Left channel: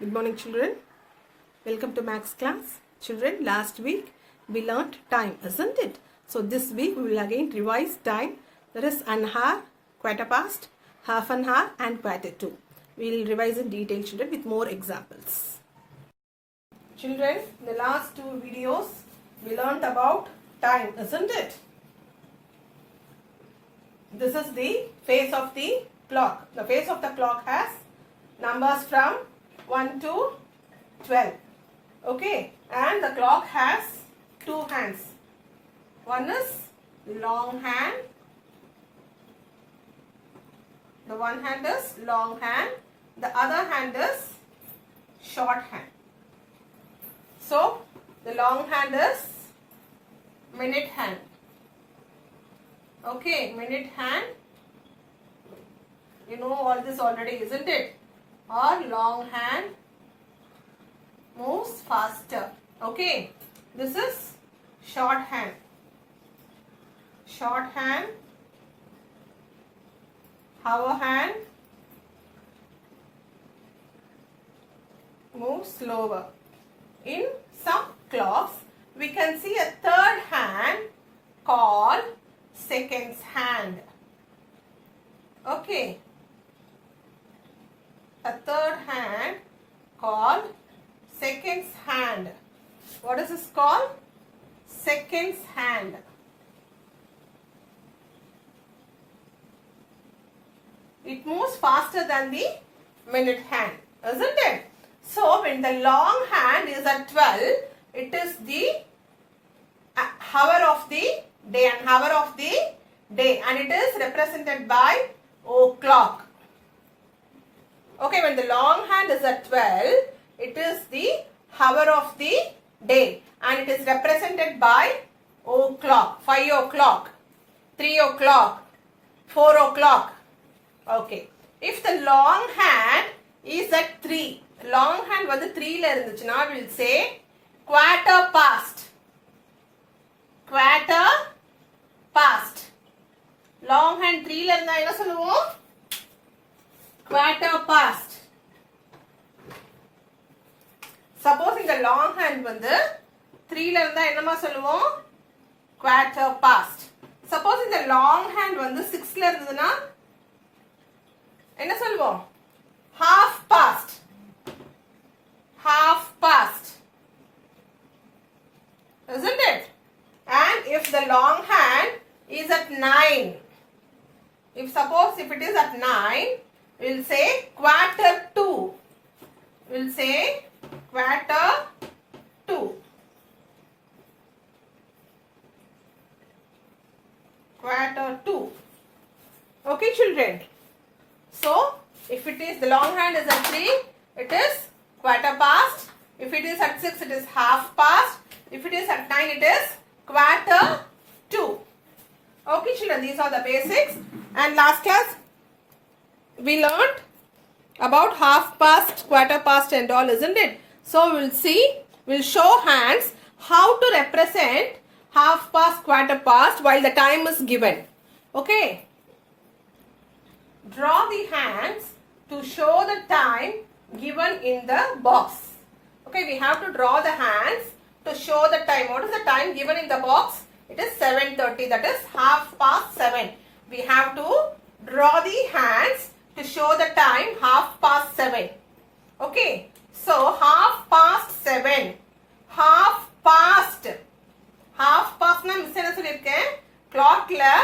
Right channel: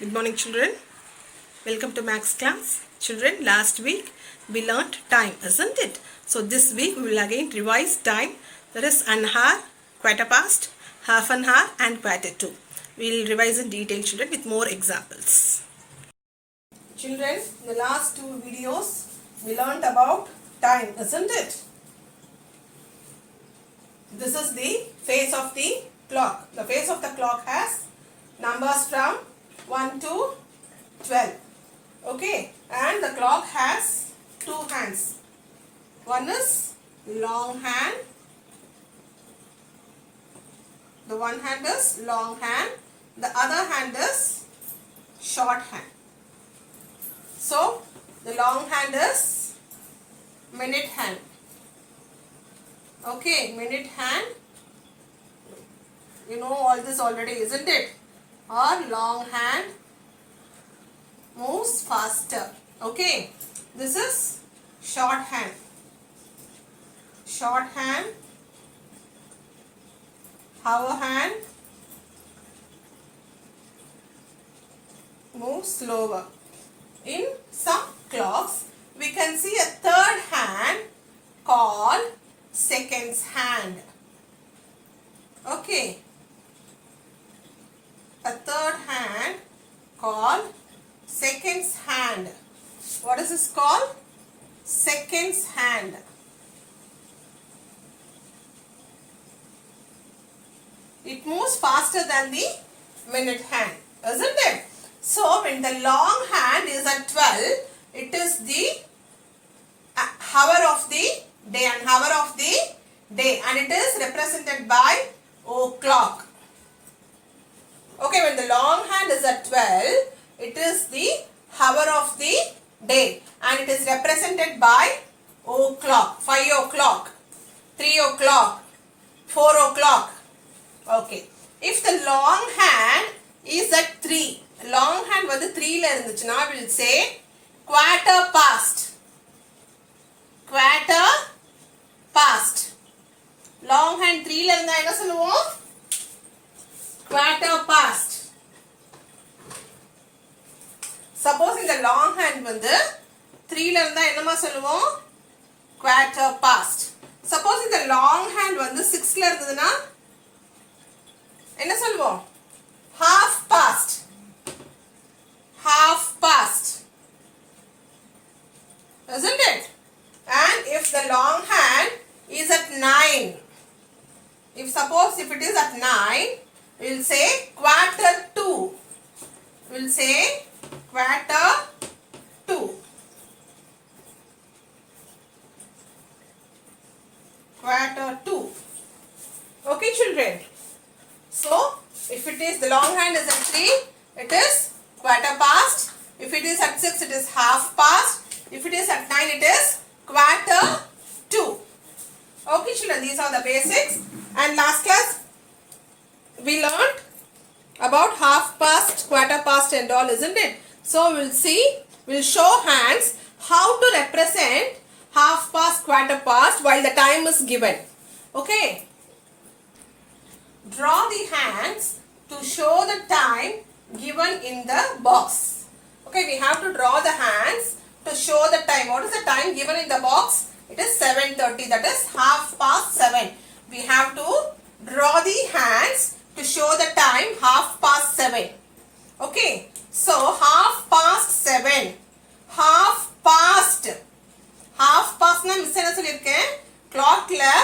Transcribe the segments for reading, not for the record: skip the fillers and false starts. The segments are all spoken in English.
Good morning, children. Welcome to Max class. Children, last week we learnt time, isn't it? So this week we will again revise time. That is an hour, quarter past, half an hour and quarter to. We will revise in detail, children, with more examples. Children, in the last two videos we learnt about time, isn't it? This is the face of the clock. The face of the clock has numbers from 1 to 12. Okay, and the clock has two hands. One is long hand. The one hand is long hand. The other hand is short hand. So, the long hand is minute hand. Okay, minute hand. You know all this already, isn't it? Or long hand moves faster. Okay, this is short hand. Short hand, hour hand moves slower. In some clocks, we can see a third hand called seconds hand. Okay, a third hand called seconds hand. What is this called? Seconds hand. It moves faster than the minute hand, isn't it? So when the long hand is at 12, it is the hour of the day and hour of the day, and it is represented by o'clock. Okay, when the long hand is at 12, it is the hour of the day and it is represented by o'clock, 5 o'clock, 3 o'clock, 4 o'clock. Okay, if the long hand is at 3, long hand வந்து 3 la இருந்துச்சுனா we will say quarter past. Quarter past. Long hand 3 la இருந்தா என்ன சொல்லுவோம்? Quarter past. Suppose in the long hand வந்து 3 la இருந்தா என்னமா சொல்லுவோம்? Quarter past. Suppose in the long hand வந்து 6 la இருந்ததுனா என்ன சொல்லுவோம்? Half past. Half past. Isn't it? And if the long hand is at 9, suppose if it is at 9, we will say quarter to. We will say quarter to. Quarter to. Okay, children. So, if it is the long hand is at 3, it is quarter past. If it is at 6, it is half past. If it is at 9, it is quarter to. Okay, children, these are the basics. And last class, we learned about half past, quarter past and all, isn't it? So, we'll show hands how to represent half past, quarter past while the time is given. Okay. Draw the hands to show the time given in the box. Okay, we have to draw the hands to show the time. What is the time given in the box? It is 7:30, that is half past 7. We have to draw the hands to show the time half past 7. Okay, so half past 7. Half past. Half past na miss enna sollirken? Clock la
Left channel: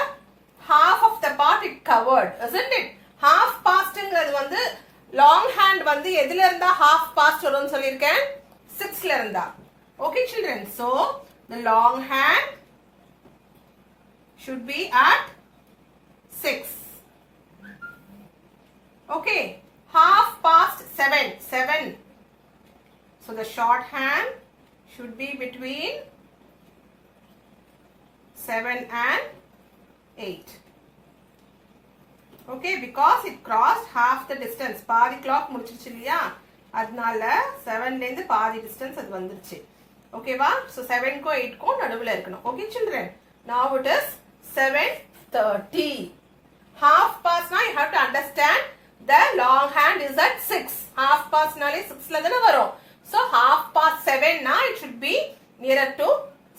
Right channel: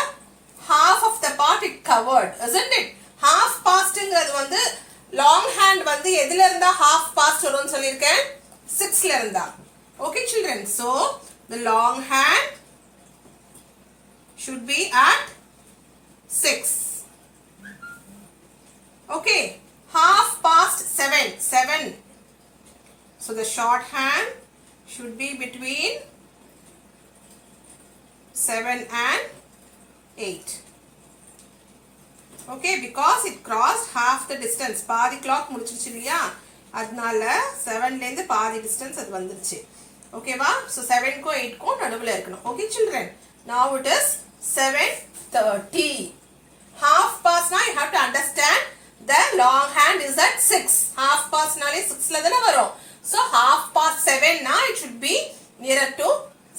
half of the part it covered, isn't it? Half past ங்கிறது வந்து long hand வந்து எதில இருந்தா half past வரும்னு சொல்லிருக்கேன்? 6 ல இருந்தா. Okay, children. So, the long hand should be at 6. Okay, half past 7. 7. So, the short hand should be between 7 and 8. Okay, because it crossed half the distance. பாதி clock முடிச்சிருச்சு இல்லையா? அதனால 7 ல இருந்து பாதி distance அது வந்துருச்சு. ஓகேவா? So 7 க்கும் 8 க்கும் நடுவுல இருக்கணும். Okay, children. Now it is 7:30. Half past now you have to understand the long hand is at 6. Half past நாலே 6ல தான வரும். So half past 7 na it should be nearer to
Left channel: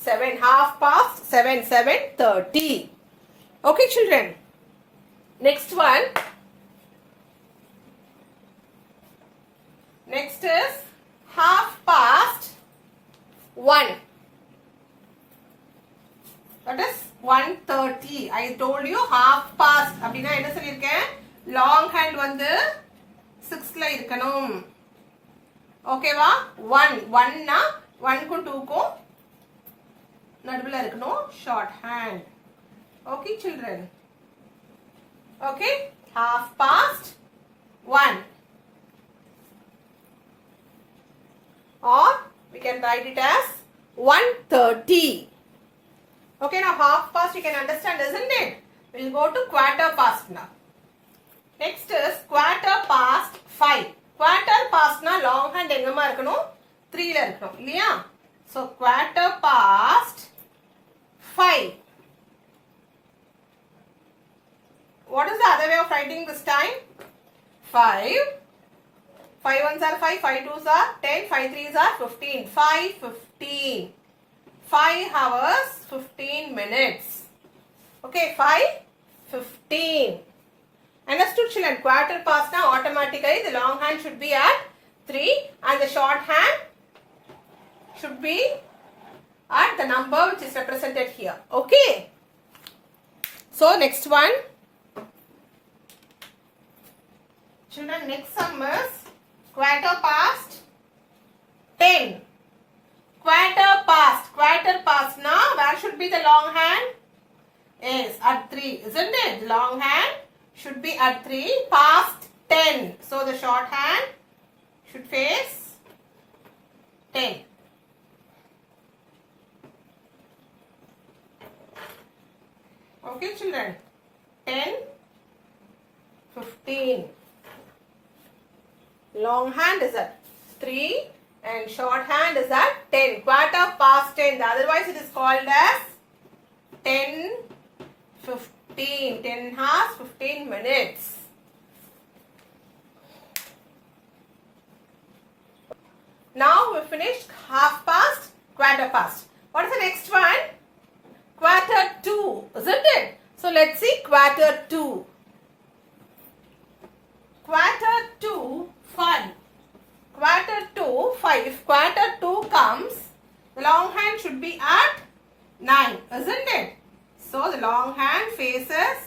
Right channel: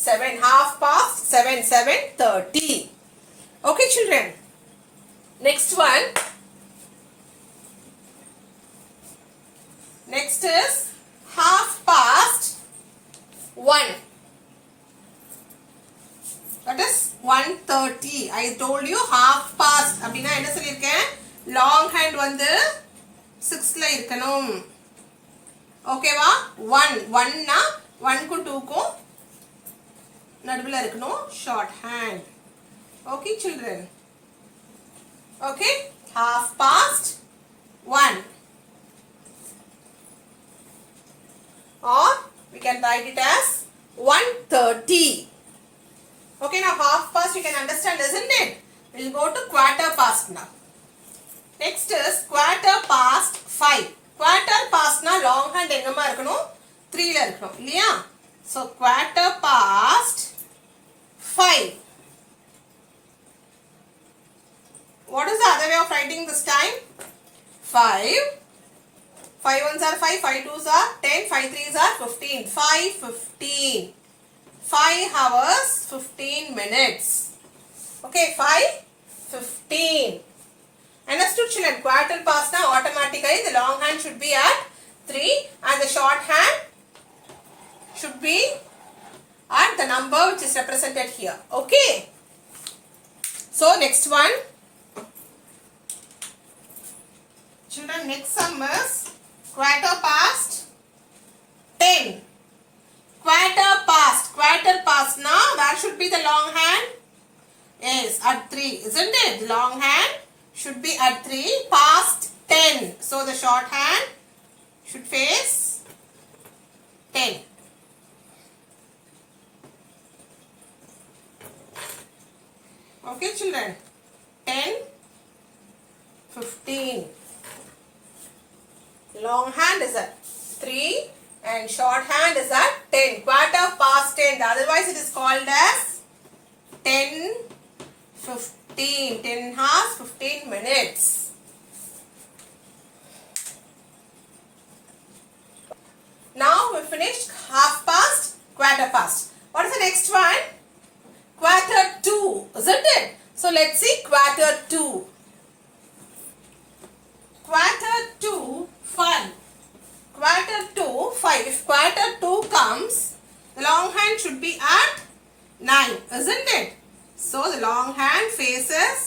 7. Half past 7, 7:30. Okay children. Next one. Next is half past 1. That is 1:30. I told you half past. அப்படினா என்ன சொல்லிருக்கேன்? Long hand வந்து 6ல இருக்கணும். ஓகேவா? 1 னா 1 க்கும் 2 க்கும் நடுவுல இருக்கணும் short hand. Okay children. Okay, half past 1. Or we can write it as 1:30. Okay, now half past you can understand, isn't it? We'll go to quarter past now. Next is quarter past 5. Quarter past na long hand engama irukanum 3 la irukanum illaya. So quarter past 5. What is the other way of writing this time? 5. 5 ones are 5, 5 twos are 10, 5 threes are 15. 5:15. 5 hours 15 minutes. Okay, 5:15. Understood children? Quarter past now automatically the long hand should be at 3 and the short hand should be at the number which is represented here. Okay. So next one. Children, next sum is quarter past 10. Quarter past now where should be the long hand? Yes, at 3, isn't it? The long hand should be at 3 past 10. So the short hand should face 10. Okay children. 10, 15. Long hand is at 3 and short hand is at 10. Quarter past 10. Otherwise it is called as 10:15. 10 hours 15 minutes. Now we finished half past, quarter past. What is the next one? Quarter 2, isn't it? So let's see quarter 2. Quarter 2, 5. Quarter 2, 5. If quarter 2 comes, the long hand should be at 9, isn't it? So the long hand faces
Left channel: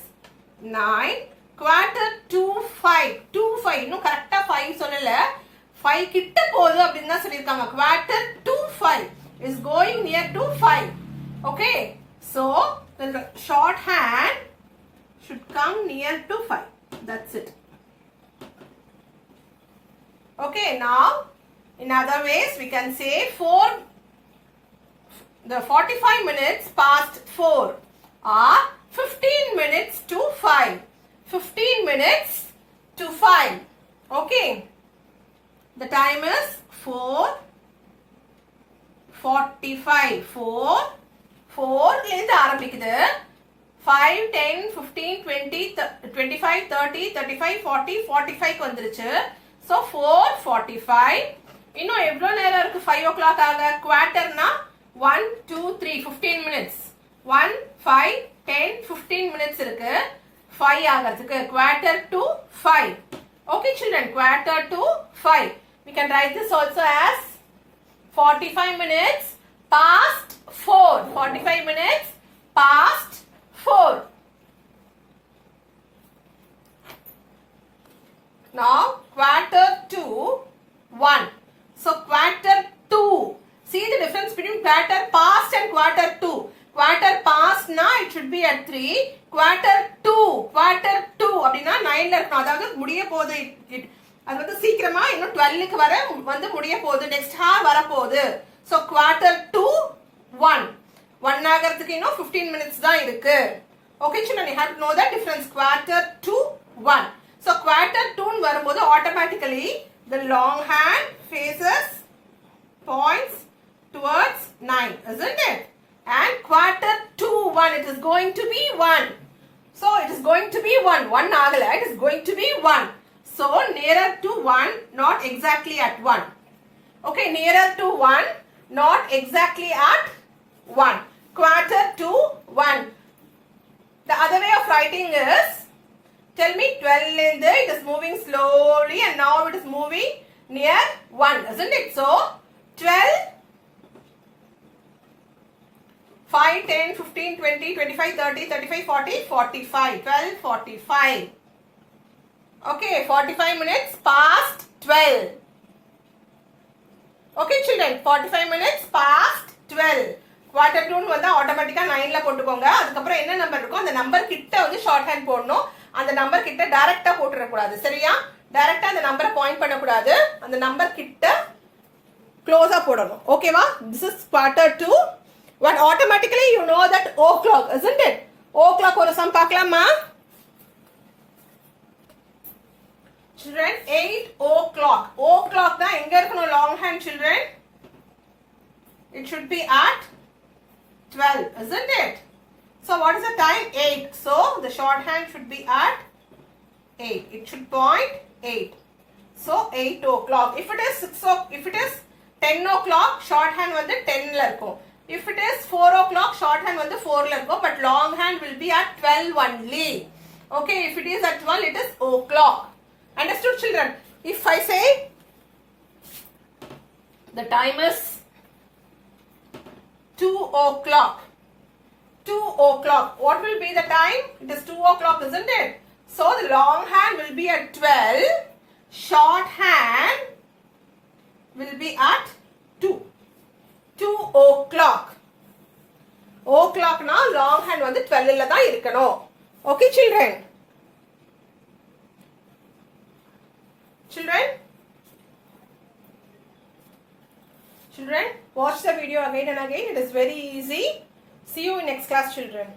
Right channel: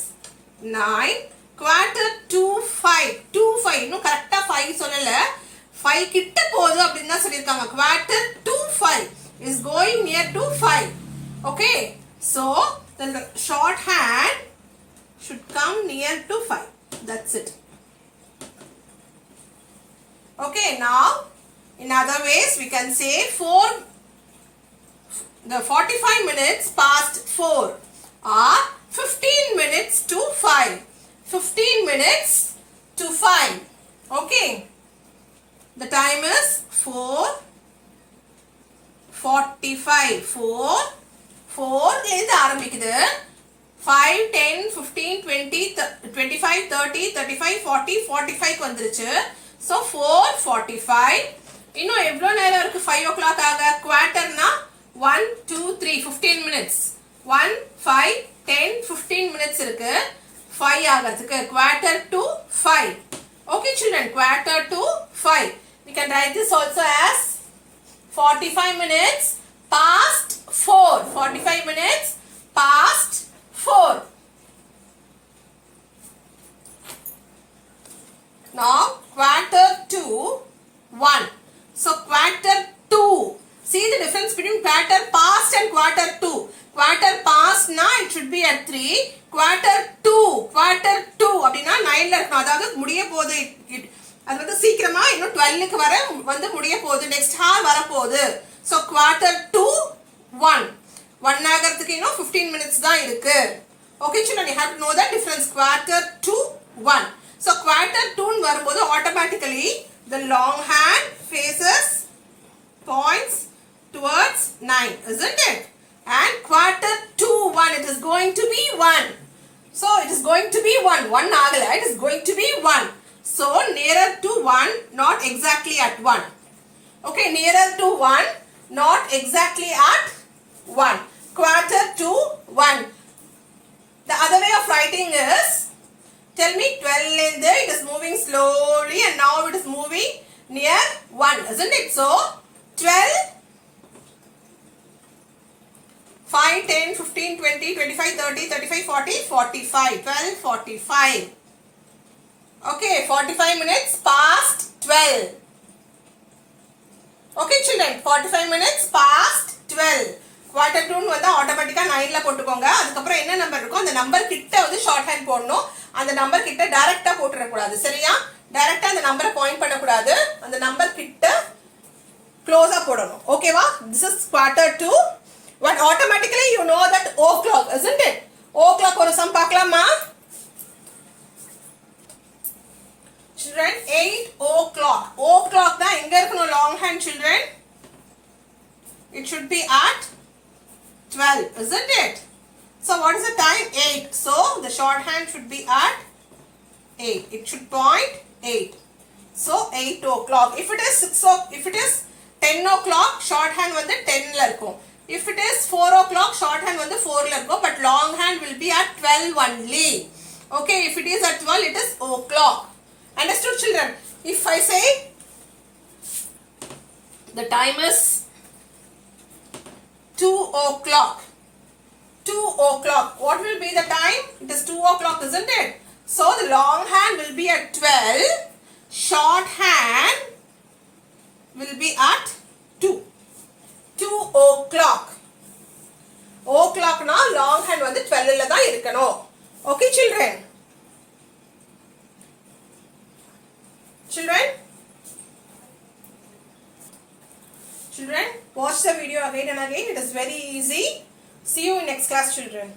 9. Quarter 2, 5. 2, 5. No, correct 5 சொல்லல. 5 கிட்ட போகுது அப்படினா சொல்லிருக்காங்க. Quarter 2, 5 is going near to 5. Okay. So the short hand should come near to 5. That's it. Okay, now in other ways we can say the 45 minutes past 4 are 15 minutes to 5. 15 minutes to 5. Okay. The time is 4:45. 4 லேந்து ஆரம்பிக்குது. 5, 10, 15, 20, 25, 30, 35, 40, 45 க்கு வந்துருச்சு. So 4:45. இன்னும் எவ்வளவு நேரம் இருக்கு 5 o'clock ஆக? குவார்ட்டர்னா 1, 2, 3, 15 minutes. 1, 5, 10, 15 minutes இருக்கு 5 ஆகிறதுக்கு. Quarter to 5. Okay children, quarter to 5. We can write this also as 45 minutes past 4. 45 minutes past 4. Now quarter to 1. So quarter 2. See the difference between quarter past and quarter 2. Quarter past na it should be at 3. Quarter 2 அப்படினா 9ல இருக்கணும். அதாவது முடிய போகுது. அது வந்து சீக்கிரமா இன்னும் 12 க்கு வர வந்து முடிய போகுது. நெக்ஸ்ட் ஹார் வர போகுது. So quarter 2, 1. 1 ஆகிறதுக்கு இன்னும் 15 minutes தான் இருக்கு. Okay children, you have to know the difference. Quarter 2, 1. So quarter 2 ன்னு வரும்போது automatically the long hand faces points towards 9, isn't it? And quarter 2, 1, it is going to be 1. So it is going to be 1. 1 ஆகல, it is going to be 1. So nearer to 1, not exactly at 1. Okay, nearer to 1, not exactly at 1. Quarter to 1. The other way of writing is, tell me 12 it is moving slowly and now it is moving near 1, isn't it? So 12, 5, 10, 15, 20, 25, 30, 35, 40, 45. 12, 45. Okay, 45 minutes past 12. Okay children, 45 minutes past 12. Quarter to வந்து ஆட்டோமேட்டிக்கா 9ல போட்டுக்கோங்க. அதுக்கு அப்புறம் என்ன number இருக்கோ அந்த number கிட்ட வந்து ஷார்ட் ஹேண்ட் போடணும். அந்த நம்பர் கிட்ட டைரக்ட்டா போட்டுற கூடாது. சரியா? டைரக்ட்டா அந்த நம்பரை பாயிண்ட் பண்ண கூடாது. அந்த நம்பர் கிட்ட க்ளோஸா போடணும். ஓகேவா? This is quarter to. But automatically you know that o'clock, isn't it? O'clock ஒரு சம் பார்க்கலாமா? Children, 8 o'clock. O'clock தான் எங்க இருக்கணும் long hand children? It should be at 12, isn't it? So what is the time? 8. So the short hand should be at 8. It should point 8. So 8 o'clock. If it is 6 o'clock, if it is 10 o'clock, short hand வந்து 10ல இருக்கும். If it is 4 o'clock, short hand வந்து 4ல இருக்கும். But long hand will be at 12 only. Okay, if it is at 12, it is o'clock. Understood children? If I say the time is 2 o'clock. 2 o'clock. What will be the time? It is 2 o'clock, isn't it? So the long hand will be at 12. Short hand will be at 2. 2 o'clock. O'clock now long hand வந்து 12ல தான் இருக்கணும். Okay children? Children, watch the video again and again. It is very easy. See you in next class children.